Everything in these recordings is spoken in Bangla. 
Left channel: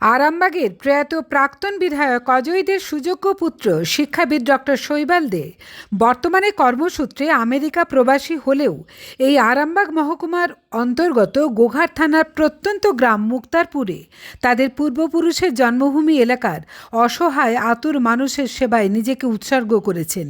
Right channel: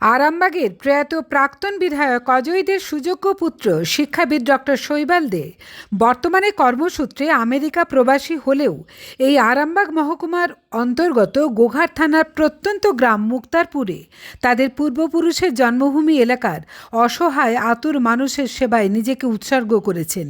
আরামবাগের প্রয়াত প্রাক্তন বিধায়ক অজয়দের সুযোগ্য পুত্র শিক্ষাবিদ ডক্টর শৈবাল দে বর্তমানে কর্মসূত্রে আমেরিকা প্রবাসী হলেও এই আরামবাগ মহকুমার অন্তর্গত গোঘাট থানার প্রত্যন্ত গ্রাম মুক্তারপুরে তাদের পূর্বপুরুষের জন্মভূমি এলাকার অসহায় আতুর মানুষের সেবায় নিজেকে উৎসর্গ করেছেন।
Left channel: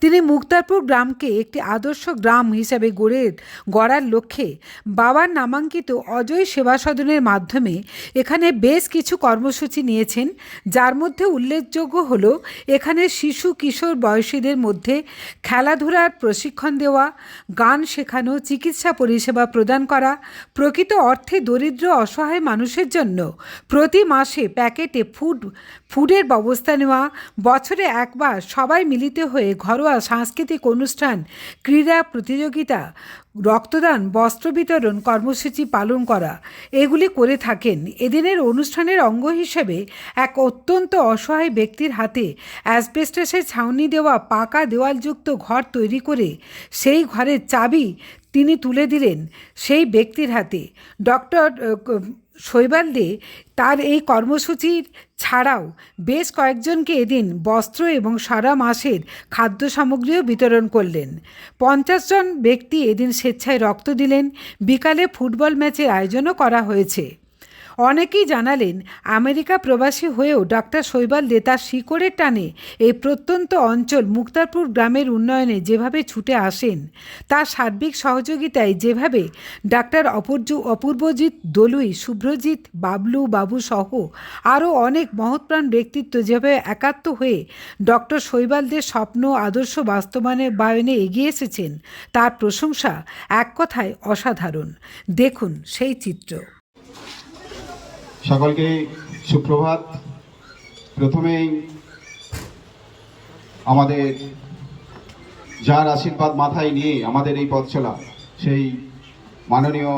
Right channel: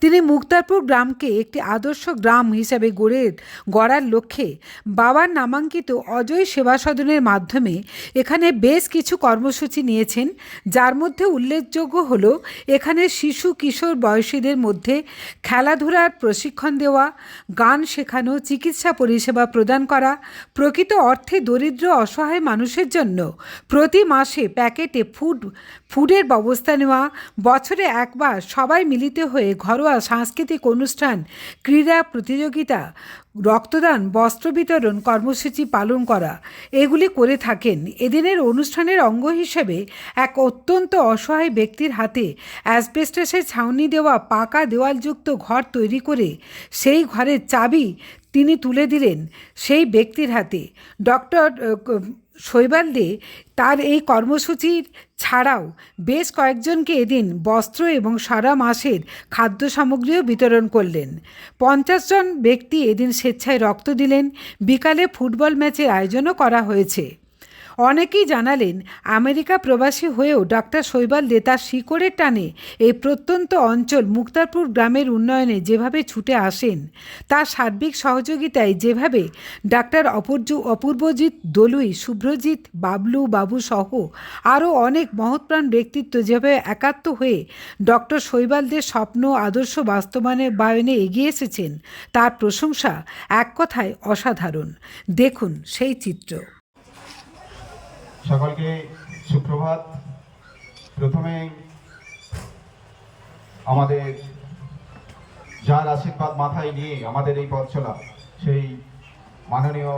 তিনি মুক্তারপুর গ্রামকে একটি আদর্শ গ্রাম হিসাবে গড়ে গড়ার লক্ষ্যে বাবার নামাঙ্কিত অজয় সেবা সদনের মাধ্যমে এখানে বেশ কিছু কর্মসূচি নিয়েছেন, যার মধ্যে উল্লেখযোগ্য হল এখানে শিশু, কিশোর, বয়সীদের মধ্যে খেলাধুলার প্রশিক্ষণ দেওয়া, গান শেখানো, চিকিৎসা পরিষেবা প্রদান করা, প্রকৃত অর্থে দরিদ্র, অসহায় মানুষের জন্য প্রতি মাসে প্যাকেটে ফুড ফুডের ব্যবস্থা নেওয়া, বছরে একবার সবাই মিলিত হয়ে ঘরোয়া সাংস্কৃতিক অনুষ্ঠান, ক্রীড়া প্রতিযোগিতা, রক্তদান, বস্ত্র বিতরণ কর্মসূচি পালন করা, এগুলি করে থাকেন। এদিনের অনুষ্ঠানের অঙ্গ হিসেবে এক অত্যন্ত অসহায় ব্যক্তির হাতে অ্যাসবেস্টাসের ছাউনি দেওয়া পাকা দেওয়ালযুক্ত ঘর তৈরি করে সেই ঘরের চাবি তিনি তুলে দিলেন সেই ব্যক্তির হাতে। ডক্টর শৈবাল দে তার এই কর্মসূচির ছাড়াও বেশ কয়েকজনকে এদিন বস্ত্র এবং সারা মাসের খাদ্য সামগ্রীও বিতরণ করলেন। পঞ্চাশ জন ব্যক্তি এদিন স্বেচ্ছায় রক্ত দিলেন। বিকালে ফুটবল ম্যাচের আয়োজনও করা হয়েছে। অনেকেই জানালেন, আমেরিকা প্রবাসী হয়েও ডাক্তার শৈবাল দে তার শিকড়ের টানে এই প্রত্যন্ত অঞ্চল মুক্তারপুর গ্রামের উন্নয়নে যেভাবে ছুটে আসেন, তার সার্বিক সহযোগিতায় যেভাবে ডাক্তার অপূর্য, অপূর্বজিৎ, দলুই শুভ্রজিৎ বাবলু, বাবু সহ আরও অনেক মহৎপ্রাণ ব্যক্তিত্ব যেভাবে একাত্ম হয়ে ডক্টর শৈবালদের স্বপ্ন, আদর্শ বাস্তবায়নে বায়নে এগিয়ে এসেছেন, তার প্রশংসা এক কথায় অসাধারণ। দেখুন সেই চিত্র। সকলকে সুপ্রভাত। প্রথমেই আমাদের যার আশীর্বাদ মাথায় নিয়ে আমাদের এই পথ চলা, সেই মাননীয়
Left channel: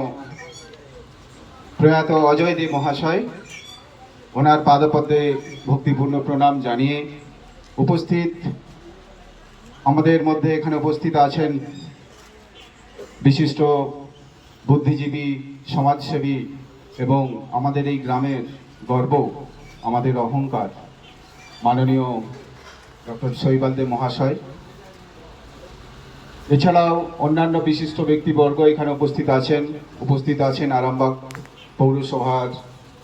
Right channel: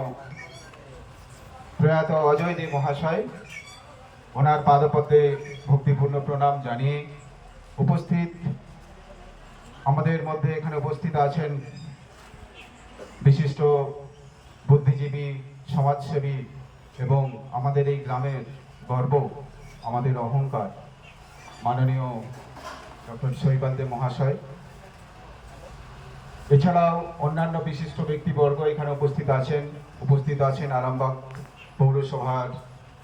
প্রয়াত অজয় দে মহাশয়, ওনার পাদপদ্মে ভক্তিপূর্ণ প্রণাম জানিয়ে উপস্থিত আমাদের মধ্যে এখানে উপস্থিত আছেন বিশিষ্ট বুদ্ধিজীবী, সমাজসেবী এবং আমাদের এই গ্রামের গর্ব, আমাদের অহংকার। মাননীয় ডক্টর শৈবালদে মহাশয়। এছাড়াও অন্যান্য বিশিষ্ট ব্যক্তিবর্গ এখানে উপস্থিত আছেন উপস্থিত আছেন আরামবাগ পৌরসভার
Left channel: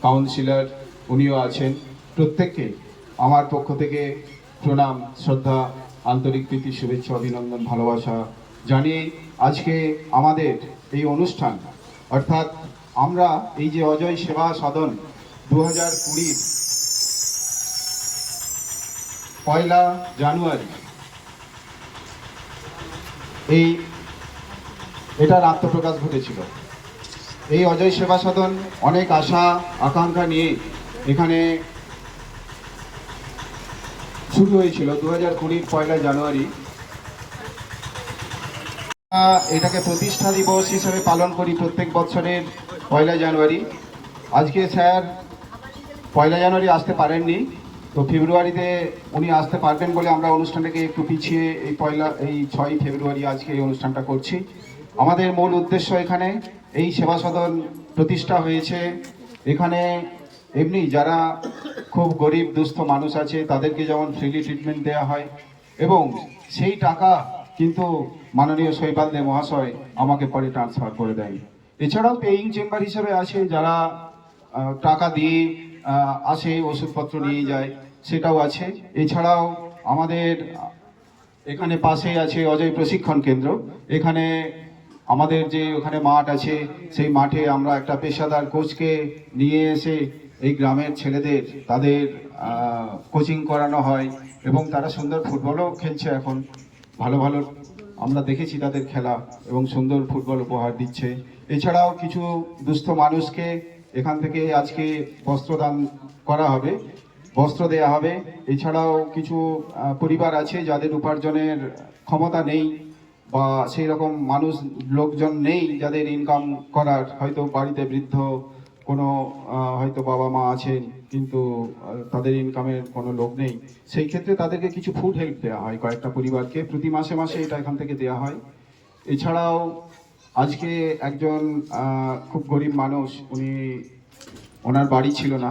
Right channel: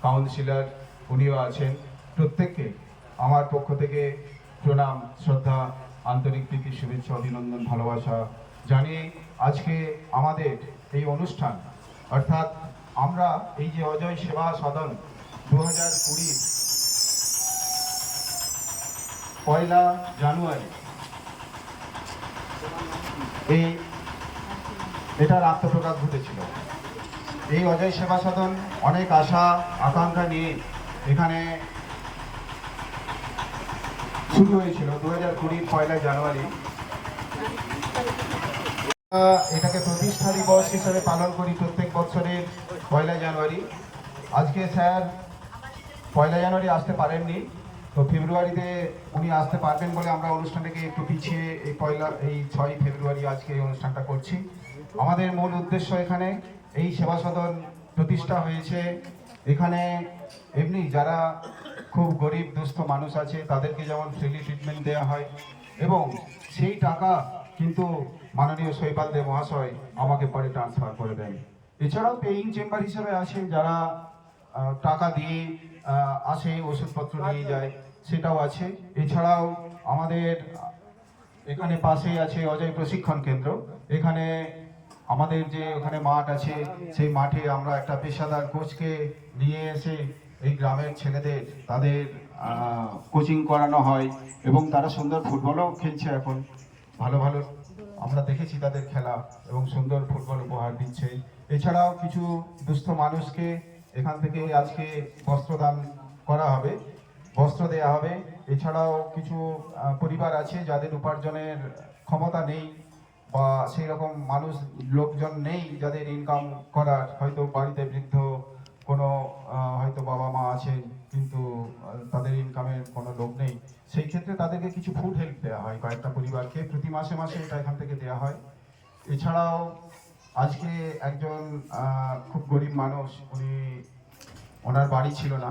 কাউন্সিলর, উনিও আছেন। প্রত্যেককে আমার পক্ষ থেকে প্রণাম, শ্রদ্ধা, আন্তরিক প্রীতি, শুভেচ্ছা, অভিনন্দন, ভালোবাসা জানিয়ে আজকে আমাদের এই অনুষ্ঠান, অর্থাৎ আমরা এই যে অজয় সেবা সদন দু হাজার কুড়ির পয়লা জানুয়ারি, এই এটার আত্মপ্রকাশ ঘটেছিল। এই অজয় সেবা সদন অনেক আশা, আকাঙ্ক্ষা নিয়ে এখানে শুরু হয়েছিল দু হাজার কুড়ির পয়লা জানুয়ারি। এটাকে প্রতিষ্ঠা দিবস হিসেবে পালন করি প্রত্যেক বছরের পয়লা জানুয়ারি। আজকে স্যার পয়লা জানুয়ারি আসতে পারেননি, তো ফেব্রুয়ারিতে উনি আসতে পারবেন বলে আমরা অনুষ্ঠানটাকে একটু পিছিয়ে এই পয়লা, এই ছয়ই ফেব্রুয়ারি আজকে এই অনুষ্ঠানটা করছি। আমাদের মূল উদ্দেশ্য এখানে এই সেবা সদন প্রতিষ্ঠা হয়েছে। এখানে এমনি যারা খুব গরিব, দুস্থ মানুষ আছে, তাদেরকে যেমন ফ্রিলি ট্রিটমেন্ট দেওয়া হয়, এবং সেই টাকা কিন্তু মাননীয় শৈবাল দে মহাশয় আমাকে পরে ট্রান্সফার করে দেয় এছাড়াও পেইং চেম্বার হিসেবে আছে, যারা টাকা দিয়ে আসে, ওষুধপত্র নিয়ে যায়, সেটাও আছে। এছাড়াও আমাদের এখানে পাশেই আছে অজয় প্রশিক্ষণ কেন্দ্র। এখানে আমাদের যে ওখানে মাঠ আছে, সেই মাঠে আমরা একটা পেশাদার কোচকে নিয়ে এসে এই গ্রামের ছেলেদের, তাদের কোচিং করানো হয় এবং তারা সুন্দর ফুটবলও খেলছে এখন। ভালো ভালো, আমরা দেখেছি তাদের খেলা এবং সুন্দর ফুটবল উপহার দিচ্ছে। এছাড়াও কিছু দুস্থ মানুষকে এখান থেকে আজকে বস্ত্রদান করা হবে, বস্ত্র দেয়া হবে। এছাড়াও কিছু পরিবার আছে যাদের উপার্জনের ক্ষমতা নেই বা সেই রকম মানুষ, লোকজন নেই যাদের ইনকাম করার। হয়তো বাড়িতে বৃদ্ধ কোনো হয়তো বাবা মা আছেন কিন্তু তাদের ইনকামের কোনো লোক নেই। সেই ক্ষেত্রে তাদেরকে কিছু ফুড হেল্প দেওয়া হয় কয়েকটা পরিবারকে। প্রতি মাসে মাসে এটা এখান থেকে দেওয়া হয়। এছাড়াও আজকে একজন খুব গরিব মানুষ, উনি ওনার বাড়ি ছিল না।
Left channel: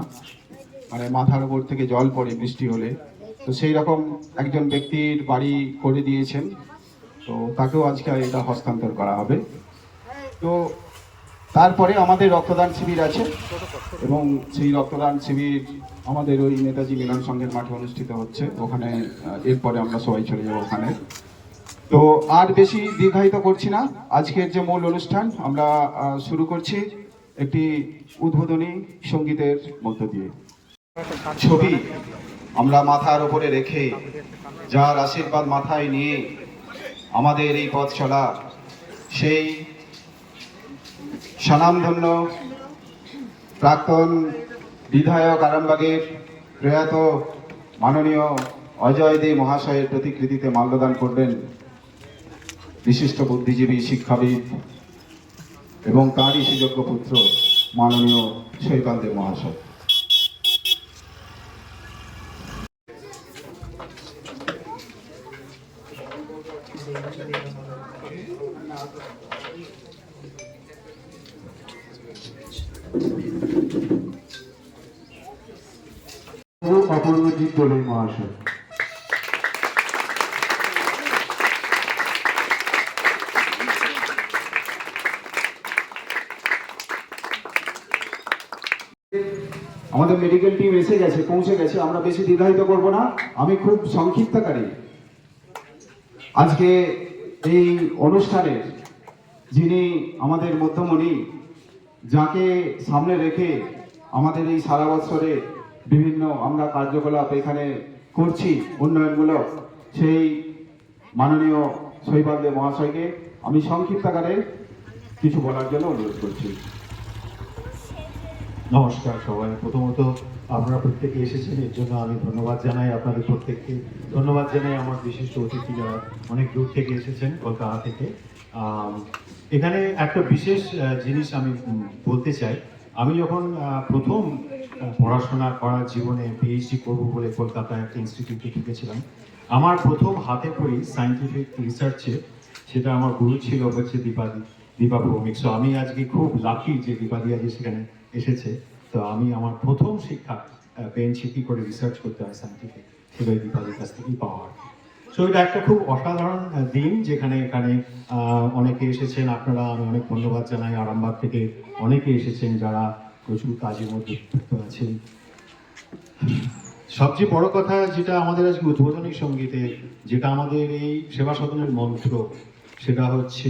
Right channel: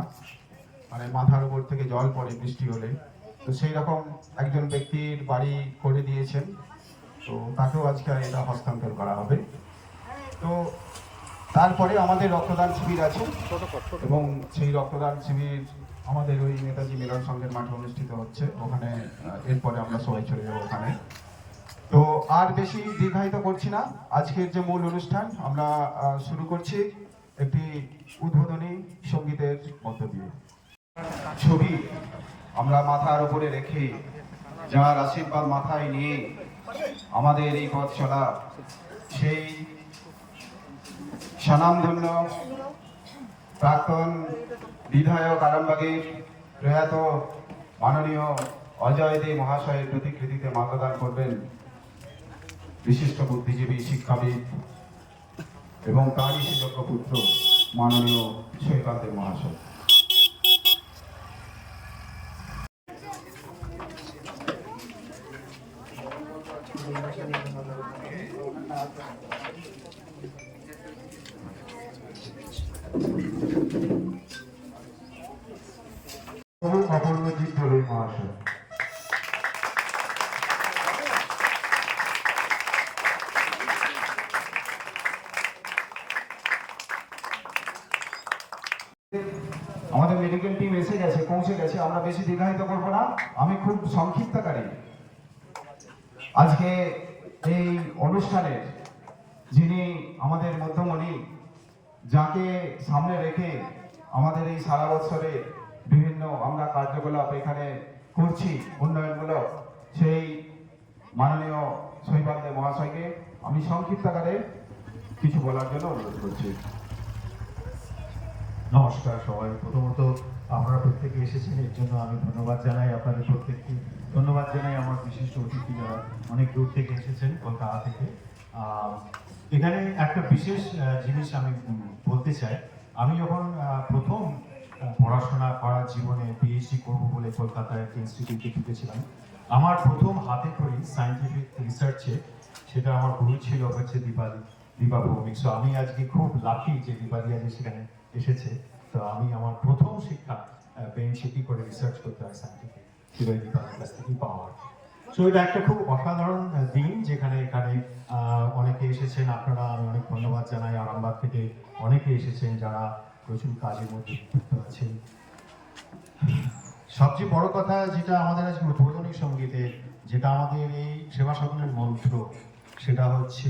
মানে মাথার উপর থেকে জল পড়ে বৃষ্টি হলে। তো সেই রকম একজন ব্যক্তির বাড়ি করে দিয়েছেন। তো তাকেও আজকে এটা হস্তান্তর করা হবে। তো তারপরে আমাদের রক্তদান শিবির আছে এবং সেই রক্তদান শিবির আমাদের ওই নেতাজি মিলন সংঘের মাঠে অনুষ্ঠিত হচ্ছে। ওখানে এরপরে আমরা সবাই চলে যাব ওখানে। তো আর বেশি দীর্ঘায়িত করছি না। আজকের যে মূল অনুষ্ঠান, আমরা শুরু করছি একটি উদ্বোধনী সঙ্গীতের মধ্য দিয়ে। ছবি আমরা মাথার উপরে রেখে যার আশীর্বাদ মাথায় নিয়ে আমাদের এই পথ চলা, সেই স্বনামধন্য প্রাক্তন বিধায়ক আরামবাগের প্রয়াত মাননীয় অজয় দে মহাশয়ের প্রতিকৃতিতে মাল্যদান করবেন বিশিষ্ট বুদ্ধিজীবী শিক্ষাবিদ এবং তারই সুযোগ্য পুত্র মাননীয় শৈপাল দেব মহাশয়। অপূর্বজিৎ দোলে মহাশয়। আমাদের মেডিকেল টিম এসে গেছে, পৌঁছে গেছে, আমরা বেশি দীর্ঘায়িত করব না। আমি খুব সংক্ষিপ্তকারী। আজকে এই অনুষ্ঠানের যিনি আমাদের মধ্যমণি, যাকে সামনে রেখে আমাদের এই সারা বছরে বিভিন্ন আমরা কার্যকলাপ এখানে করছি উন্নয়নমূলক, সেই মাননীয় শৈবালদেব মহাশয়কে আমি সংক্ষিপ্ত আকারে কিছু বলার জন্য অনুরোধ করছি। নমস্কার সবাই। প্রথমত আপনারা প্রত্যেকে এসেছেন, এর জন্য আমি ধন্যবাদ জানাই আপনাদের প্রত্যেককে। ধন্যবাদ জানাই আমার বিশিষ্ট অতিথি যারা অনেক দূর থেকে এসেছেন কলকাতা থেকে। এখানে একটা বিশেষ জিনিস আমি বলতে চাই। আমি যখন প্রথম পড়াশোনা করার জীবনে পিএইচডি করব বলে কলকাতায় একটা ইনস্টিটিউটে ঢুকেছিলাম, আমার প্রথম হাতে করি সায়েন্টিফিক রিসার্চে সেটা আমার গুরু ছিল হচ্ছে দীপাদি, দীপা ভৌমিক। সো আমি আজকে খুব লাকি যে দীপাদি আজকে সেখানে এসেছে তো আমি আমার প্রথম শিক্ষা বেঞ্চ কি করে রিসার্চ করতে হয় সায়েন্টিফিক সেটা দীপাদির কাছ থেকেই পাওয়া কি। সো এটা একটা খুব অসাধারণ দিন যেখানে, এখানে অনেকে এসেছেন আপনারা, আমি অনেক ধন্যবাদ জানাই আরামবাগ থেকে অনেকে এসেছেন যারা প্রচুর কাজের মধ্যে যুক্ত আছেন সবচেয়ে বড় কথা যেটা আমাদের আজকে উদ্বোধনী সঙ্গীতে, যেটা আমাদের এই সেবা সদনের মন্ত্র, সেটা হচ্ছে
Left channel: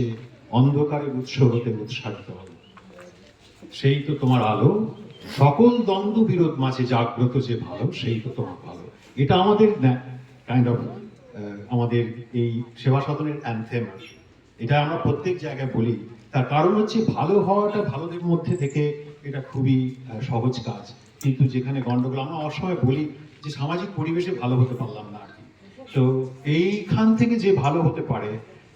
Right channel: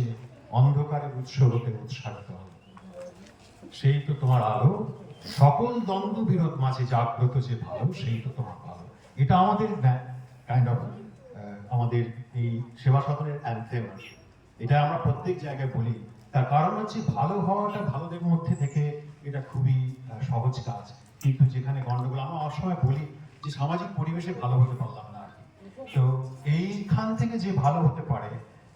অন্ধকারের উৎস হতে উৎসাহিত। সেই তো তোমার আলো। সকল দ্বন্দ্ব বিরোধ মাঝে জাগ্রত যে ভালো, সেই তো তোমার ভালো। এটা আমাদের কাইন্ড অফ আমাদের এই সেবা সদনের অ্যান্থেম এটা আমরা প্রত্যেক জায়গায় বলি। তার কারণ হচ্ছে ভালো হওয়াটা ভালোদের মধ্যে থেকে এটা খুবই সহজ কাজ। কিন্তু যেখানে গন্ডগোল আমরা অসময় বলি যে সামাজিক পরিবেশে ভালো হতে পারলাম না আর কি। তো এইখান থেকে যে ভালো হতে পারে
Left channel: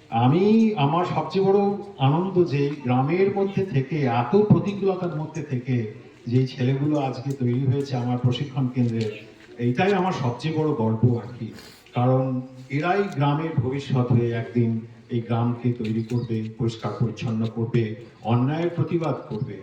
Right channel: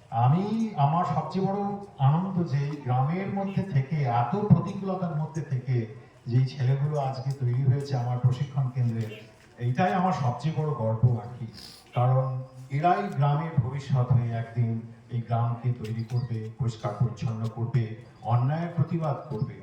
আমি আমার সবচেয়ে বড় আনন্দ যে গ্রামের মধ্যে থেকে, এত প্রতিকূলতার মধ্যে থেকে যে ছেলেগুলো আজকে তৈরি হয়েছে আমার প্রশিক্ষণ কেন্দ্রে, এইটাই আমার সবচেয়ে বড় গর্ব আর কি। কারণ এরাই গ্রামের ভবিষ্যৎ হয়ে একদিন এই গ্রামকে তৈরি করবে, পরিষ্কার পরিচ্ছন্ন করবে, অন্যায়ের প্রতিবাদ করবে।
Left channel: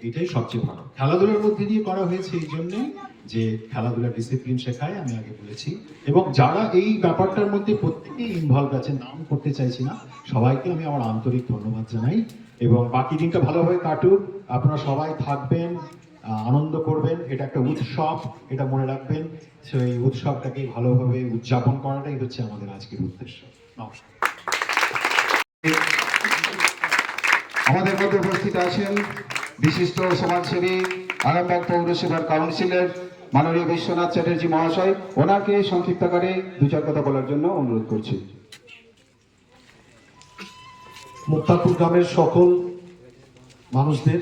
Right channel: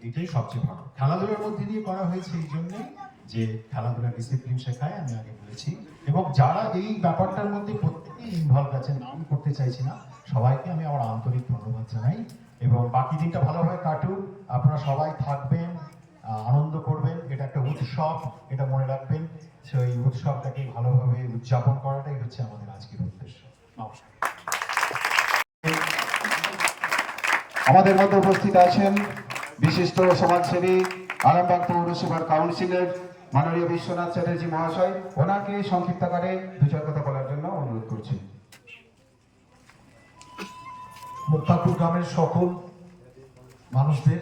এটাই সবচেয়ে ভালো। খেলাধুলার মধ্যে দিয়ে করা হয়েছে এই জন্যই যে খেলাধুলা ডিসিপ্লিন শেখায়, আমি আগে বলেছি। এবং যারা এই ব্যাপারটার মধ্যে প্রত্যেকেই ইনভলভ আছে নাম করতে চাইছি না, সবাইকে আমি আমার আন্তরিক ধন্যবাদ জানাই। এবং বাকি দিনটা ভালোভাবে কাটুক। আপনারা সবাই থাকবেন আনন্দ করবেন। এটা একটা উৎসব, এটা মনে রাখবেন। সেই উৎসবটাকে ভালোভাবে উদযাপন করাটাই হচ্ছে আমাদের আজকের উদ্দেশ্য। নমস্কার। আমাদের মধ্যে উপস্থিত আছেন বিশিষ্ট সমাজসেবী, আরামবাগ পৌরসভার কাউন্সিলর মাননীয় বিশ্বনাথ চ্যাটার্জি মহাশয়, ওনাকে সংক্ষিপ্ত আকারে দু চার কথা বলার জন্য অনুরোধ করছি। মুক্তাপুর গ্রামের সকল মানুষদের,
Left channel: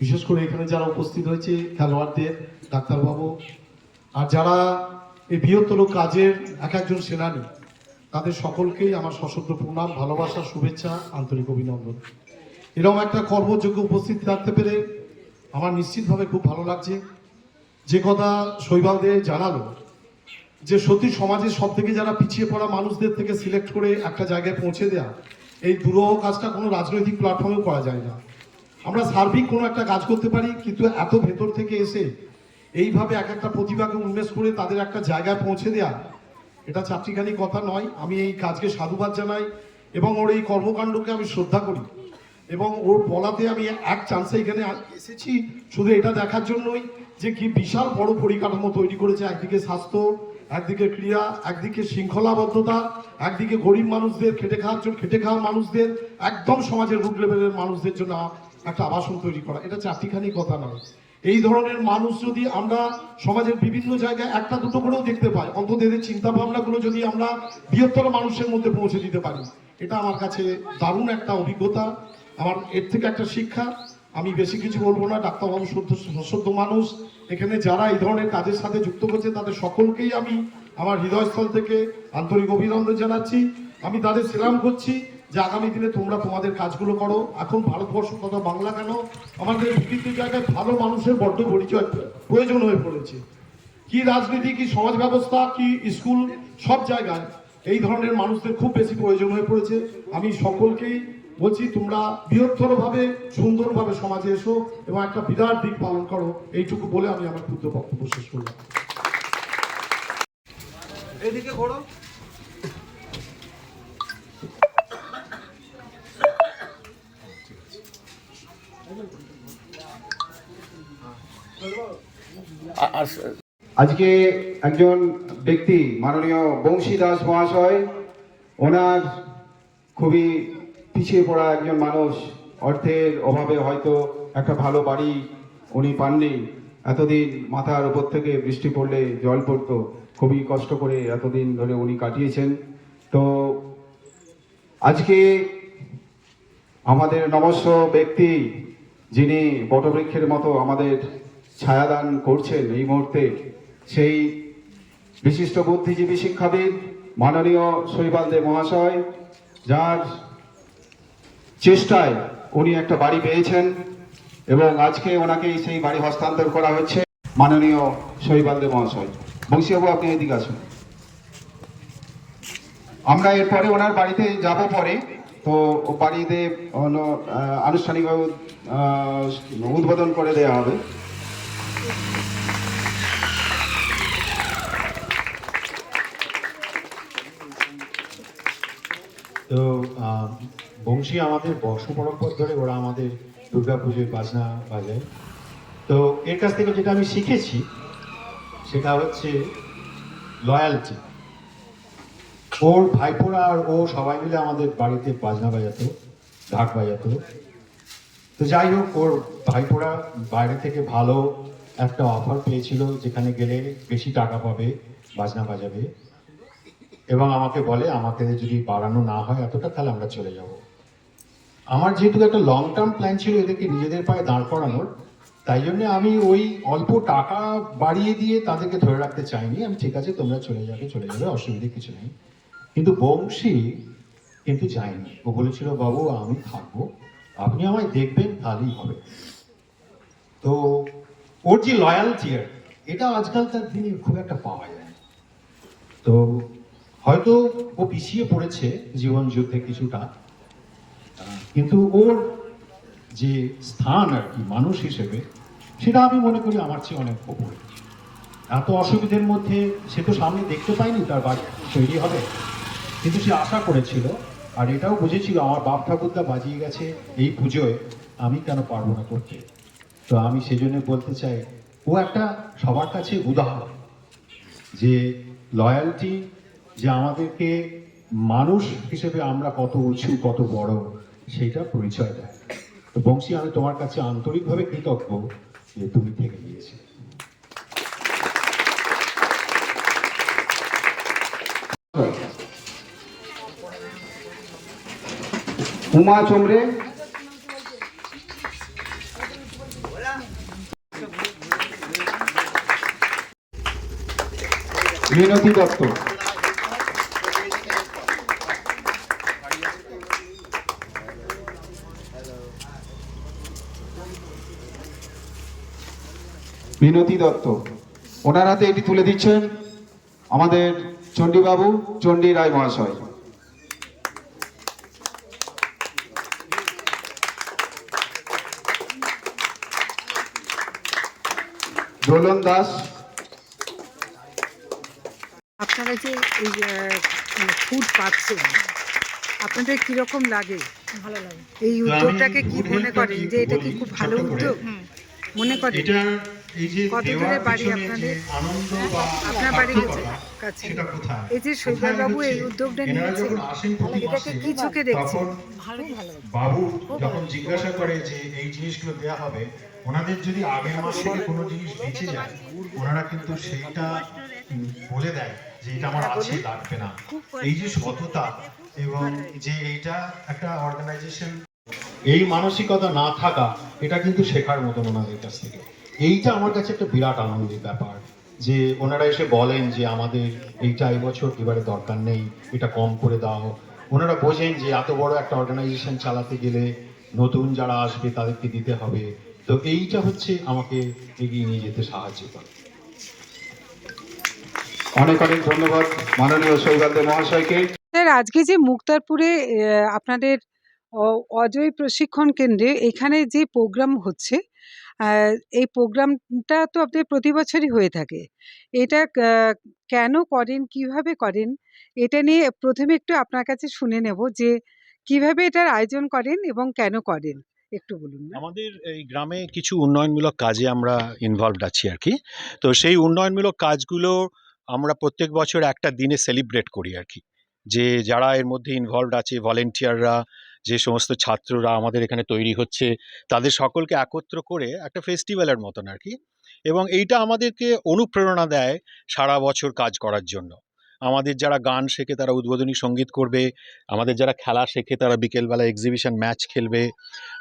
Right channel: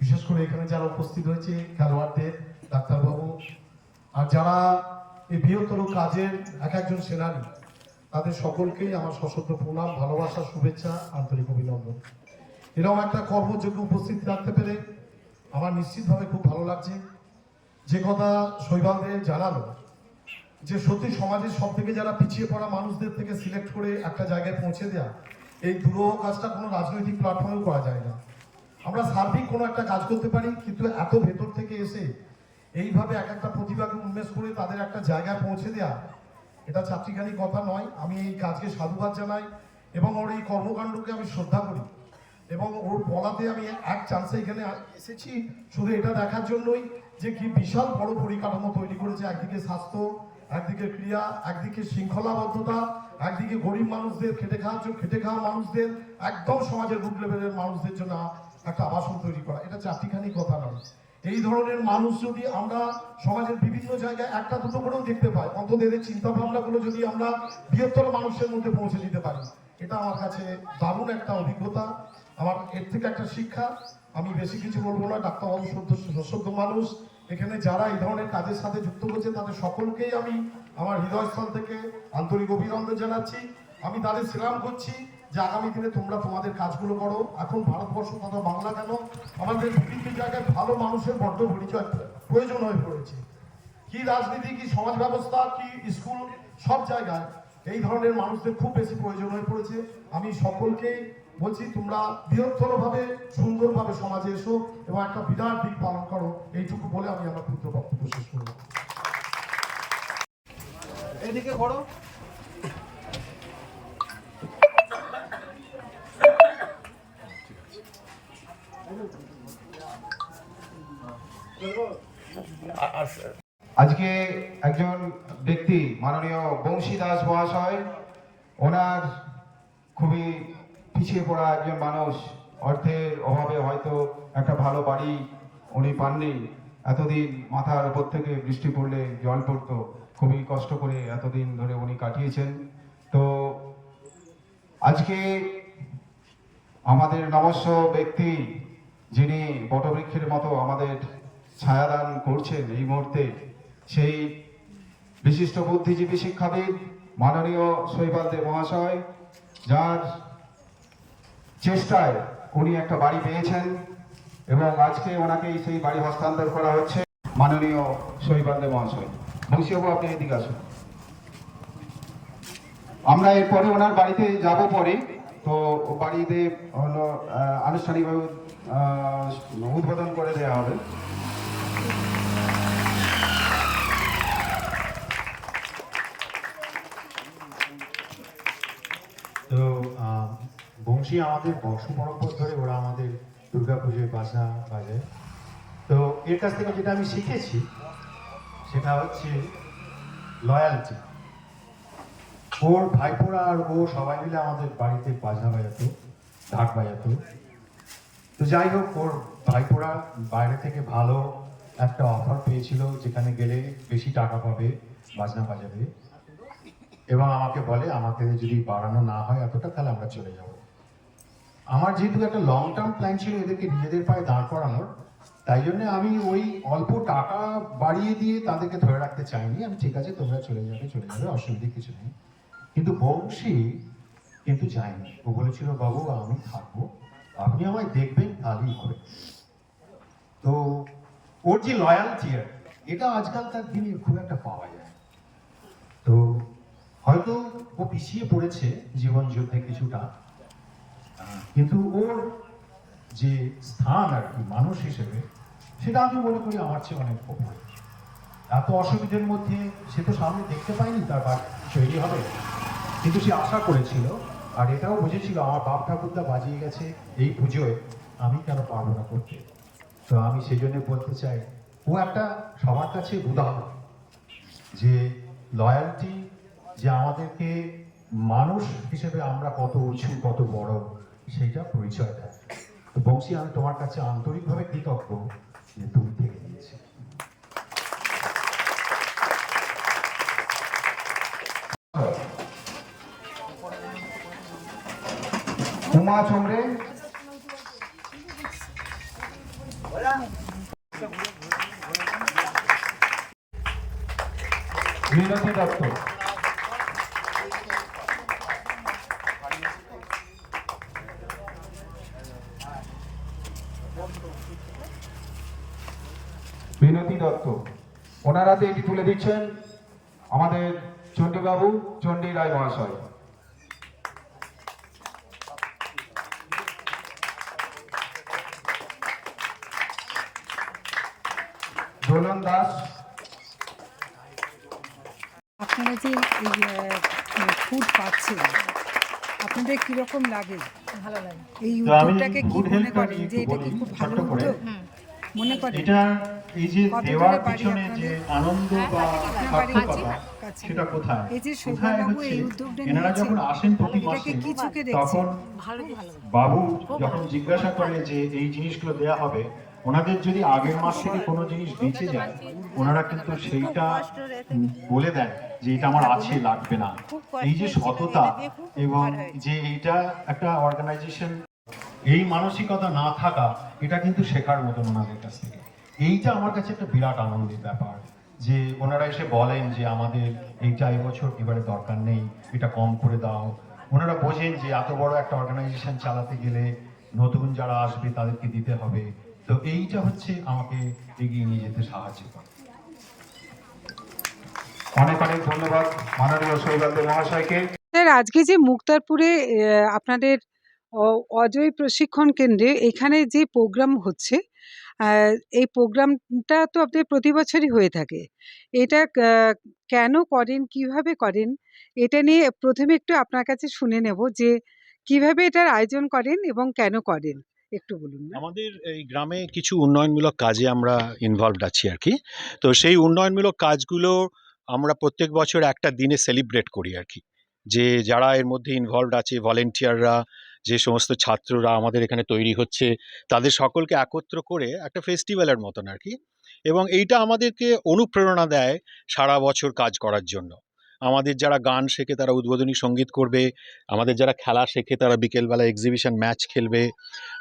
বিশেষ করে এখানে যারা উপস্থিত হয়েছে, খেলোয়াড়দের, ডাক্তারবাবু, আর যারা এই বৃহত্তর কাজের এক একজন সেনানী, তাদের সকলকেই আমার সশস্ত্র প্রণাম, ভালোবাসা, শুভেচ্ছা, আন্তরিক অভিনন্দন। এরকম একটা কর্মযোগ্য উপস্থিত থাকতে পেরে আমার নিশ্চিতভাবে খুব ভালো লাগছে। যে কথা শৈবালদে জানালো, যে সত্যি সমাজের সব থেকে যারা পিছিয়ে পড়া মানুষদের থেকে সিলেক্ট করে একটা জায়গায় পৌঁছে দেওয়া এই দুরহ কাজটা কোনো রাজনৈতিক প্ল্যাটফর্মেও করা যায় না। আমরা সার্বিক কোনো একটা কাজ করতে পারি, কিন্তু এত ভেতর থেকে এসে এইভাবে এক একটা প্রতিভাকে উন্মেষ করে তাদের একটা জায়গায় পৌঁছে দেয়া, এটা চারটিখানি কথা নয়। আমি এই কাজকে সাধুবাদ জানাই এবং ওর এই কর্মকাণ্ডকে আমি শ্রদ্ধা করি এবং ওর বলাতে আমি এক চান্সে এখানে এসেছি, শুধু এটা দেখার জন্যই। যে কি বিশাল বড় পরিকাঠামো তৈরি করেছে, একদিকে স্বাস্থ্য, একদিকে ক্রিয়া একদিকে শৃঙ্খলাবদ্ধতা, একদিকে গরিব মানুষদের খেটে খাওয়ার জন্য, খেটে খাওয়া মানুষদের, একদম সমাজের রুট লেভেলের মানুষদের জন্য একটা আবাসন তৈরি করা। এটা চারটিখানি কথা নয়। এই ধরনের মানুষ যদি আমরা সমাজের বিভিন্ন জায়গায় একটা দুটো করেও দেখতে পাই, অন্তত এদের চিন্তা ভাবনাগুলো যদি আমরা বৃহত্তর মানুষের মধ্যে পৌঁছে দিতে পারি, এটা আমার কাছে দারুণ একটা অভিজ্ঞতা। আমার এর থেকে একটা শিক্ষা আমি বেশি কিছু বলব না ডাক্তারবাবু সদ্য সদ্য মানুষ। এখানে যারা এই ধরনের কাজের সাথে যুক্ত করছে, তাদের সকলকেই আমি আমার হৃদয়স্থল থেকে আন্তরিক অভিনন্দন জানাচ্ছি। আমি তাদের সেলাম করছি যে আগামী দিনে তোমরা তোমাদের কাজগুলো করো। এখন ভারতবর্ষ তথা বাংলা কেন? আমাদের বিভিন্ন জায়গায় ভালো মানুষের বড্ড পরিচয় প্রয়োজন হয়ে পড়েছে। কি রাজনীতি, কি সমাজ ব্যবস্থা, কি স্কুল, সব জায়গায় এই ধরনের মানুষদের খুব বেশি প্রয়োজন হয়ে পড়েছে। আমি সকলকেই বলছি তোমরা বৃহত্তর ভাবে সুন্দরভাবে সমাজে এসো এবং একটা বিরাট দিক পালন করো এইটুকু বলে আমি আমার ক্ষুদ্র বক্তব্য শেষ করলাম। এদিকে ঘোরো আজকে একজন ব্যক্তি মাননীয় বংশী দাস মহাশয় ওনার খুবই পিছিয়ে পড়া একজন মানুষ, অর্থের অভাবে হয়তো একটা ভালো বাড়ি উনি পাননি। এতদিন মাথার উপর থেকে বৃষ্টি পড়লে জল পড়তো। খুবই কষ্ট করে এতদিন ধরে উনি কাটিয়েছেন। তো আজকে আমাদের নমস্য ব্যক্তি যিনি বটবৃক্ষের মতো আমাদের ছায়াদান করছেন এই মুহূর্তে, সেই বিশিষ্ট বুদ্ধিজীবী শিক্ষাবিদ মাননীয় শৈবাল দেব মহাশয়, যার চেষ্টায় উনি একটা বাড়ি পেয়েছেন এবং আজকে ওনাকে সেই বাড়ি হস্তান্তর করা হচ্ছে। মাননীয় শৈবাল দেব মহাশয় বংশীবাবু আপনি এদিকে আসুন। আমরা এরপরে ওনার বাড়িতে যাব পরে। তো বাড়িতে হলো, আনুষ্ঠানিকভাবে উদ্বোধন করে দেওয়া হবে। তো বংশী আমাদের বর্ষ পরম্পর ধরে ওরা আমাদের দুর্গা পুজোয় বাজনা বাজায়। তো এর কাছ থেকে যেটা আমি শিখেছি, সেটা হচ্ছে লয়ালটি ওর ভাইপোরা আর ও সবাই মিলে আমাদের বাড়িতে বাজনা বাজাতো, ঢাক বাজাতো। তো যাই হোক, ওর ভাইপোরা বাইরে থেকে ভালো একটা অফার পেয়েছিল, যেখানে গেলে বেশি টাকা পাবে, বাজনা বাজাবে। এবং আমাকে বলে, আমাকে যদি বাড়ানো না হয় এতটা, তাহলে আমরা চলে যাব। আমার যেহেতু একটা লং টার্ম প্ল্যান ছিল এদেরকে নিজেদের পায়ে দাঁড় করানোর, তাই জন্য আমি ওই অল্প টাকা বাড়িয়ে দিয়ে তাদেরকে ধরে রাখতে চাইনি। আমি, ঠিক আছে, তোমরা চলে যাবে চলে যাবে, অসুবিধে কিছু নেই। কিন্তু বংশী কিন্তু যায়নি। ও বলেছিল, বাবু, আমি থাকব। আপনি আমায় দেখবেন, তাহলেই হবে। তো ওর যে লয়ালটি এটা আজকালকার দিনে খুব একটা পাওয়া যায় তো হয়তো ও পিছিয়ে পড়েছে জীবন যুদ্ধে কিছুটা। কিন্তু ওর যে স্থান আর কি, মানুষ হিসেবে, সেটা আমি মনে করি আমার চেয়ে অনেক ওপরে। এত অসুবিধের মধ্যে সে তো সামনে দেখতে পায়নি তার বাড়ি তৈরি হবে। কিন্তু সে আশা করেছিল, আর এটাও বুঝেছিল, আমার বাপ ঠাকুরদা বাজিয়ে গেছে এই পুজোয়, আমি কেন পারব না করতে? তো আমি সেজন্য বলতে চাই, ও একটা সবার কাছে উদাহরণ, যে লয়ালটি যে আমাদেরকে মানুষ হিসেবে আমরা কত উঁচু, কত বড়, সেইটা পরিচয় দেয়। তো বংশী, আমি তোমার কাছে আন্তরিকভাবে কৃতজ্ঞ যে তুমি থেকে গিয়েছে। উমা চোমরে মিনতি দত্ত। মিনতি দত্ত। ওনার হাতে এটি তুলে দিচ্ছেন আমাদের চণ্ডীবাবু চণ্ডী রায় মহাশয়। দোলন দাস। আপনারা যে এই ফুড পাচ্ছেন আপনাদের কীরকম লাগে? ভালো লাগে। এই উদ্যোগটাকে কি মনে করেন যে এটা কি খুব ভালো উদ্যোগ? মনে করেন? কত দূরে বাড়ি আপনাদের? যে আনন্দ বা আপনার বাড়ি কাছে এই যে বাবু এই উদ্যোগটা এনারা যখন এটাকে কি চোখে দেখছেন? ভালো ভালো বাবু যখন জিজ্ঞাসা করে যে এই জিনিসগুলো দেয়া হবে ওনাদের যদি আগের মাস থেকে কোনো জিনিস বেঁচে যায় ওনারা কিন্তু সেইটা বলে দেয় যে এটা আমার আছে লাগবে না। এই যে সততা এবং যে এইটা একটা অর্গানাইজেশন এই মানসিকতা না থাকা এটা কিন্তু শেখার মতন ওনাদের কাছ থেকে। এইটা আমার কাছে একটা বিরাট আনন্দের ব্যাপার যে ওনারা এসে বলেন যে আমাদের এইটা এবছর এবারে দরকার নেই এটা কম করে দাও। ওনারা বোঝেন যে এত বড় একটা অর্গানাইজেশন চালাতে গেলে নতুন যারা আসবে তাদেরকে দিতে হবে। তো এইটা হচ্ছে আমাকে এগিয়ে নিয়ে যেতে সাহায্য করে। অনেক অনেক ধন্যবাদ মাননীয় সৌগত মহাশয়কে। স্যার আজকে যে মুক্তারপুরে আপনাদের অজয় প্রশিক্ষণ কেন্দ্রে এখানে যে প্রোগ্রাম হচ্ছে এই প্রোগ্রামটা তো আপনাদের প্রতি বছরই হয়ে থাকে। এটা কেন করেন, কীভাবে করেন, এটা নিয়ে প্রথমে একটু আপনার কাছে শুনে নেব যে কীভাবে এটার আয়োজন করেন এবং কেন করেন। একটু বলুন আমাদের এই গ্রামে কিছু উন্নয়নমূলক কাজে আমরা ইনভলভড আছি আর কি তো সেই উন্নয়নমূলক কাজগুলো আমরা প্রত্যেক বছর একটা দিনে সেলিব্রেট করি আর কি যে যারা এর মধ্যে ইনভলভড আছে ভলেন্টিয়াররা যে সমস্ত ছাত্ররা আমাদের এখানে তৈরি হচ্ছে, তাদের সকলকে একত্র করে একটা ফেস্টিভ্যালের মতন আর কি। এবং এইটা আমাদেরকে অনুপ্রেরণা দেয় সারা বছর কাজ করার জন্য। আমাদের যারা গান শেখে তারা উদ্বোধনী সংগীত করবে, আমাদের যারা খেলা শেখে তারা বিকেলবেলা এক্সিবিশন ম্যাচ খেলবে।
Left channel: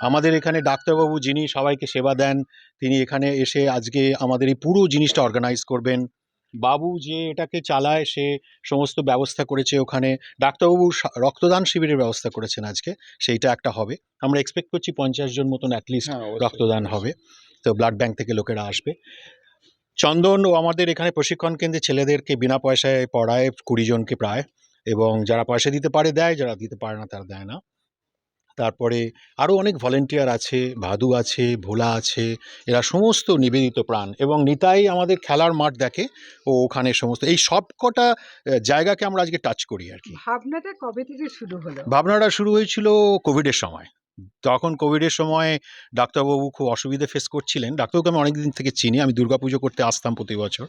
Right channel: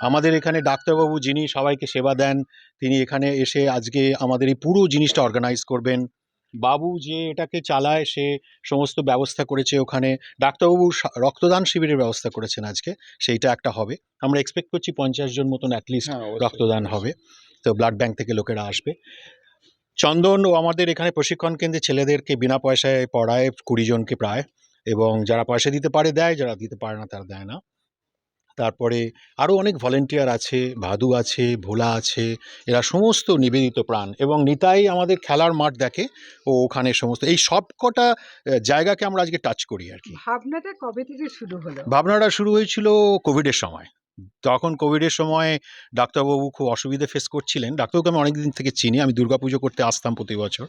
আমাদের এখানে ডাক্তারবাবু যিনি সবাইকে সেবা দেন, তিনি এখানে এসে আজকে আমাদের এই পুরো জিনিসটা অর্গানাইজ করবেন। বাবু যে এটাকে চালায় সে সমস্ত ব্যবস্থা করেছে ওখানে। ডাক্তারবাবু রক্তদান শিবিরের ব্যবস্থা করেছেন আজকে সেইটা একটা হবে। আমরা এক্সপেক্ট করছি পঞ্চাশ জন মতন অ্যাটলিস্ট রক্তদান হবে। তো ব্লাড ব্যাংক থেকে লোকেরা আসবে। চন্দন ও আমাদের এখানে প্রশিক্ষণ কেন্দ্রে ছেলেদেরকে বিনা পয়সায় পড়ায় কুড়ি জনকে প্রায়। এবং যারা পয়সা দিতে পারে দেয় যারা দিতে পারে না তারা দেয় না। তারপরে আরও অনেক ভলেন্টিয়ার আছে ভাদু আছে ভোলা আছে এরা সমস্ত নিবেদিত প্রাণ এবং নিতাই আমাদের খেলার মাঠ দেখে ও ওখানে সমস্ত এই সব কটা জায়গাকে আমরা আজকে টাচ করি আর কি। ভাবনাটা কবে থেকে শুরু হলো? ভাবনাটা শুরু হয়েছিল কোভিডের সময়। তখন কোভিডের সময় ডাক্তারবাবু খুব অসুবিধে ফেস করছিলেন। ডাক্তারবাবুকে আমি অনেক দিন থেকে চিনি আমি দুর্গাপুজো করতে আসতাম প্রতি বছর।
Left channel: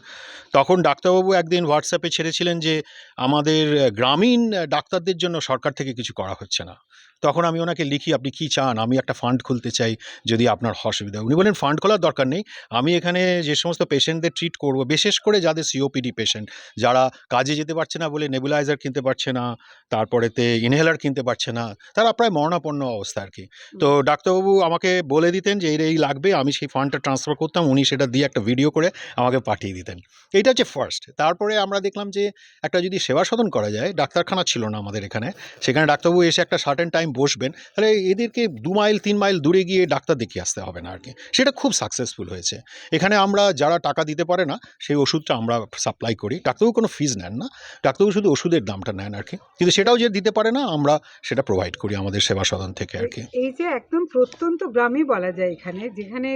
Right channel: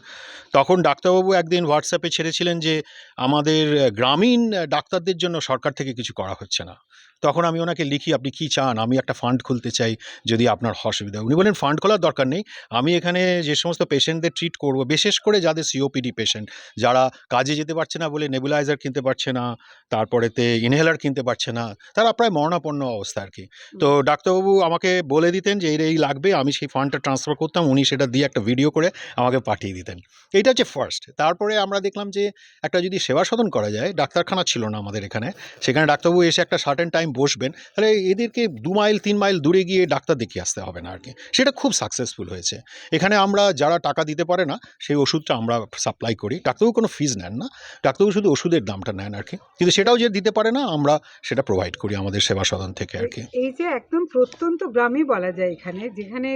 তখন ডাক্তারবাবু একদিন হোয়াটসঅ্যাপে ছেড়েছিলেন যে আমাদের গ্রামীণ ডাক্তারদের জন্য সরকার থেকে কিছু করা হচ্ছে না। তখন আমি ওনাকে লিখি আপনি কি চান? আমি একটা ফান্ড খুলতে চাই যদি আপনার অসুবিধা হয়। উনি বলেন ফান্ড খোলার দরকার নেই। আমি এখানে যে সমস্ত পেশেন্টদের ট্রিট করব বিশেষ করে যাদের সিওপিডি পেশেন্ট যারা কাজে যেতে পারছে না বলে নেবুলাইজার কিনতে পারছে না তারপরেতে ইনহেলার কিনতে পারছে না তারা প্রায় মরণাপন্ন অবস্থা আর কি তো ডাক্তারবাবু আমাকে বলে দিতেন যে এর এই লাগবে আমি সেই ফান্ডটা ট্রান্সফার করতাম উনি সেটা দিয়ে একটা ভিডিও করে আমাকে পাঠিয়ে দিতেন। এইটা হচ্ছে ফার্স্ট তারপরে আমরা দেখলাম যে একটা যদি সেবা সদন করা যায় ডাক্তারখানা ছিল না আমাদের এখানে সেখানে ডাক্তারবাবু এসে একটা সার্টেন টাইম বসবেন, তাহলে এদেরকে দু মাইল, তিন মাইল দূরে গিয়ে ডাক্তার দেখিয়ে আসতে হবে না আর কি সেটা খুব সাকসেসফুল হয়েছে। এখানে আমরা যারা টাকা দিতে পারে না, সেই ওষুধটা আমরা সাপ্লাই করি। ডাক্তারবাবু কোনো ফিজ নেন না। ডাক্তারবাবু শুধু ওষুধের দামটা নেন আর কি কিন্তু সেটাও যে দিতে পারে না, আমরা সেটা প্রোভাইড করি আমাদের সেবা সদন থেকে আর কি এই যে একদম প্রত্যন্ত গ্রামই বলা যায় এখানে, যেখানে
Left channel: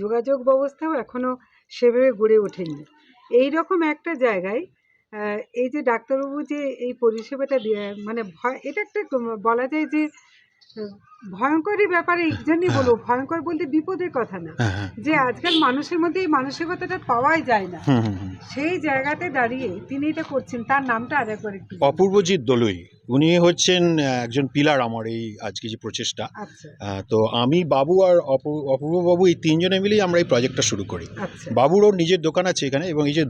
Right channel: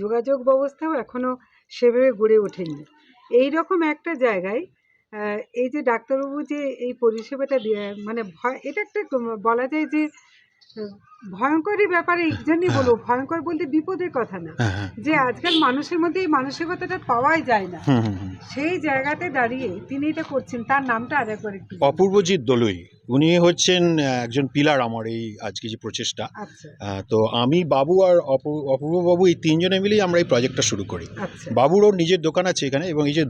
যোগাযোগ ব্যবস্থাও এখনও সেভাবে গড়ে ওঠেনি। এই রকম একটা জায়গায় এই যে ডাক্তারবাবু যে এই পরিষেবাটা দিয়ে- মানে ভয় এটা একটা বলা যায় যে ভয়ঙ্করই ব্যাপারে এই জন্যই বলব ভয়ঙ্কর বলতে বিপদের কথা না। হ্যাঁ হ্যাঁ। যে আজকাল মানুষের মধ্যে এই মানসিকতাটা পাওয়াই যায় না। সেই জায়গাতে দাঁড়িয়ে তিনি এটা করছেন তার নামটা আরেকবার একটু অপূর্বজিৎ দলুই উনি হচ্ছেন একজন পিলার আমার এই আজকে যে প্রচেষ্টা। আচ্ছা। তো আমি বাবু আর অপূ- অপূর্ববাবু এই তিনজনে মিলেই আমরা এই প্রজেক্টটা শুরু করি। আচ্ছা। বাবুরও নিজের দোকান আছে এখানে এবং এই যে